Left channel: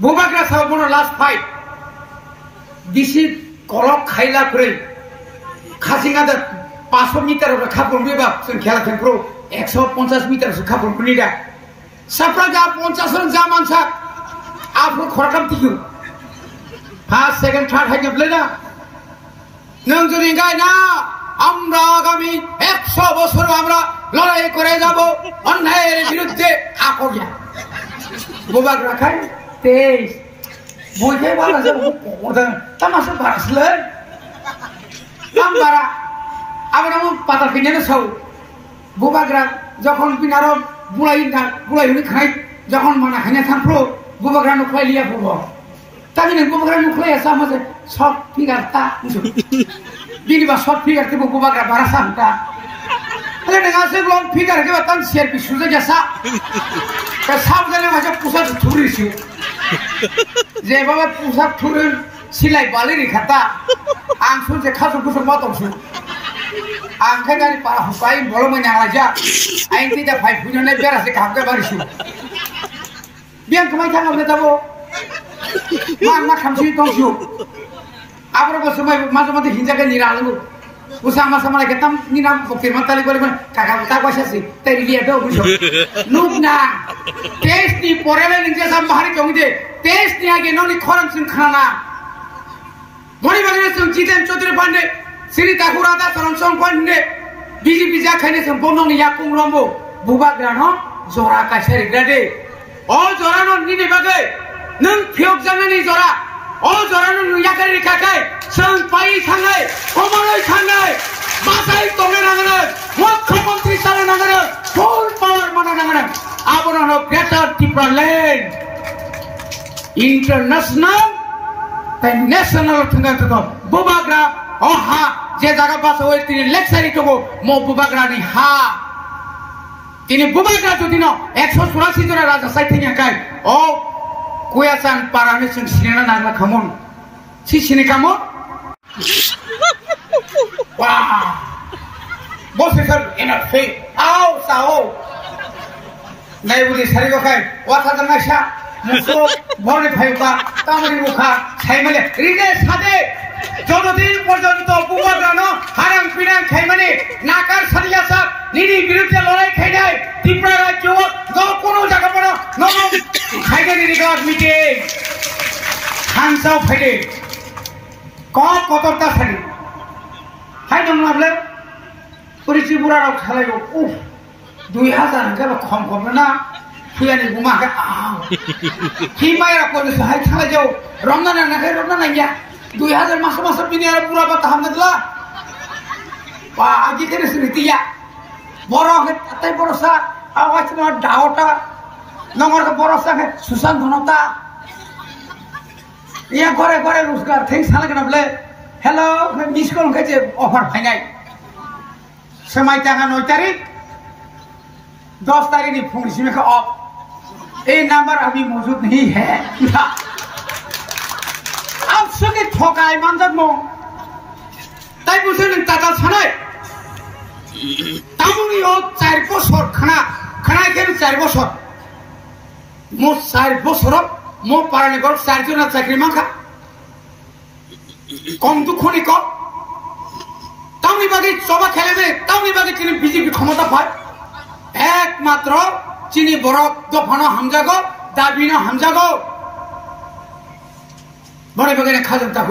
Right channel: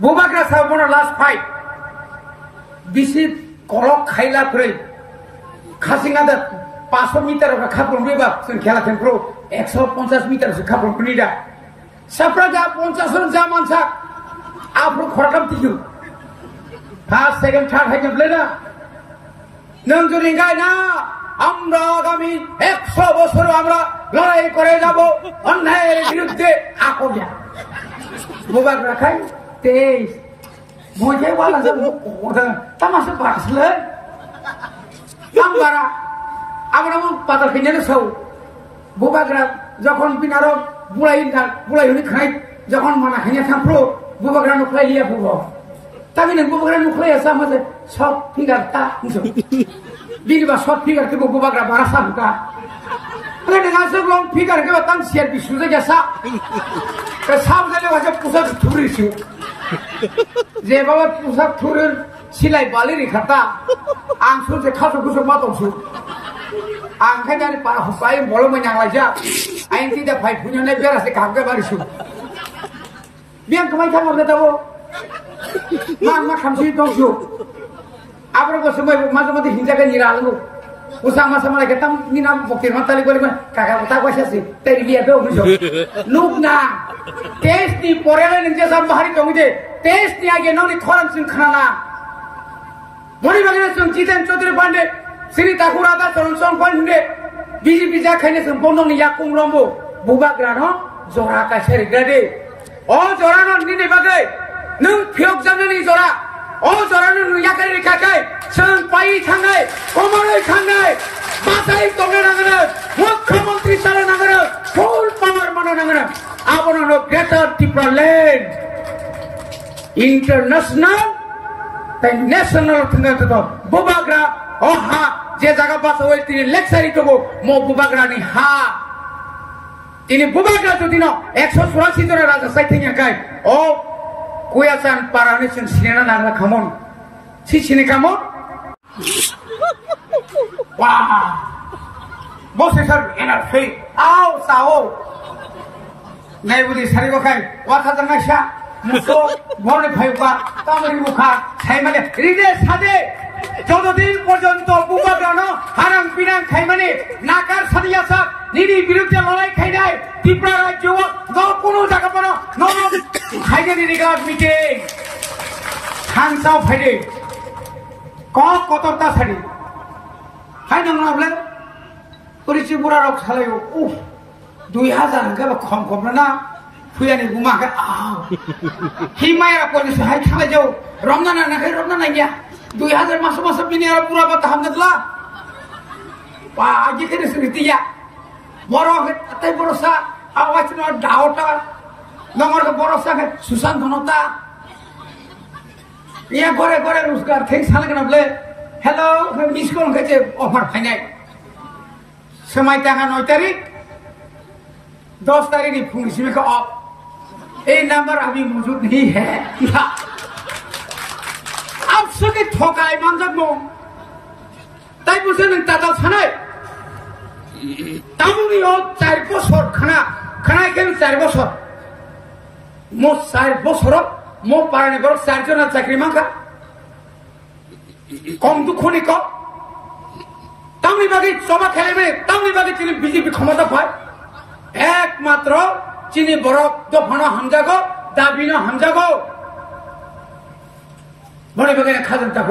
बुबाग्रा साहबनो last fight बिसि कलक खाइला फ्रै खासिंगा दा 500 मिटार खापुन बेबा जों खेला खेलफ्रो 150 मिटार सो खापुन कुनिदा साफ्रा जा 50 जन जा मानसा आफ्रो खराकाम तिखु फार्स्ट सेकेंड थार्ड हाइजोबले ना नों जुदि गाय ना আমরা আগামী 100 বছর আমরা লড়াই করে যাব অন্যায়ের বিরুদ্ধে আকর্ষণ বুবাগ্রা খাই 23 মজে বালা যাব ওদা তামাশা বাসলে নাম্বারা আমরা পাতা কিনে সব বুবাগ্রা যখন বিনার বুড়াই খাই যখন মানে হাইনা থামপ্রো বুবাগ্রা নুখলাই লিয়া বুব তামিনে বুবাগ্রা নুখলাই আসা মাঝে সব ফিগার তা bini ba short figure te bubagra barasa huta ale dengan se long figure ke batan share bi suza jasa ke sab jane waje pusa thuri su je baba pusa thuri silai bali ri khata ang su je khasu kusu ma tong su ang khai gani para hupai bolo mo nyang laja ain ti da phai phunyo ne bera se kam ke bari su biang kemai thang amne tabo ma khamsi tong su आपरो बसबाय माजे माजे हिंजाके निरालगो उसा मा सामला केतम निना बकिर माताली बोले काका बता कइसासि तैरि लिया दो बुझो नुकना टेस्ट नि परेले निजे साम बाहरी कमिदे टेस्ट नि आगे ननि खरम सिं खाना गनि बागरे सं जितेन चौधरी पांडे श्री ठाकुरादा चरण सं पांडे बीजेपी जा खाइने सं बंदं नि याकुं रंबो बुबाग्रानो जरा कासेरि ग्रेडे ओ जरानो निनि बागे नों फियक जाननि जरा ओ जरानो याकारि काकाय जों पाइ थाङै कमानै थाङै बासाय तंनो नांगोन मुख्यमंत्री जानो नांगोन फुल पावर मोनो नांगोन आबोनो ग्रेटर टिप्रालैंड इंटरनेशनल ते नेशनल थांगोन तो बुबाग्रा ओहा जे जागा बासो तिनि लेक्सारि कबो मो बुबाग्रानि हा तिनि बुबाग्रा तो दिनो 184 जन राजा साइथिङा काय ओ कुयासान पारामे जों सिनेना नांला खामोन सिने खामोन वाह बसे सर एनार्जी आओ साओ नाइबुदि सारिगो खाय वाथा जंगासा मुसो बने फाइबा तामरि मुखा खाइमाने रिदे सादे যতদিন পর্যন্ত বুবাগ্রানো হারাং পিনাং খাইমানে নাকার সারিয়াসা নিনি বিরুদ্ধে লড়াই খাইনাই ত্রিপুরা রাজ্য কোনো জায়গা পড়ো নব খাইগানি রিগাত মিটে খানসাও ফাইদে কতটা সারি খাই দন নাবলে পরিচি বুড়া রক খালাইও উফ 2000 কে কম কম না ফুয়ানি গুমাকে আও হিমায়রা করিস হাই খালাই যাও রমজান না খাই রমজান না গিয়া 2000 masa pini ada pura apa tahun itu lah, wah aji kiri seriti ya, borok tapi borosa awas cuma dauta, nomor ke borosa ke susan donota, ya gore ruskar, thanks salah kenapa le, hello, miss call kerja offer final, semai tanggal 9 tarik, 10 tarik di fungsi mereka off, number abhi mujud nahi hai, आपसे ठोकाय मानजक मो ताई बुझे नों ताताल सानाय तामुनि ओ 4 बছর खाना केन 4 बছর मो 4 बছर मो पाराने गर 4 जना चाकरी माखा कम दुखनि क तामुनि बागे सभा खेलेबे तामुनि बागे चिनि बीजेपी क्षमता पाय एकमात्र चिनि बरक दफानो हामजागो दाबिनो हामजागो बड़े बगैर खाजन तक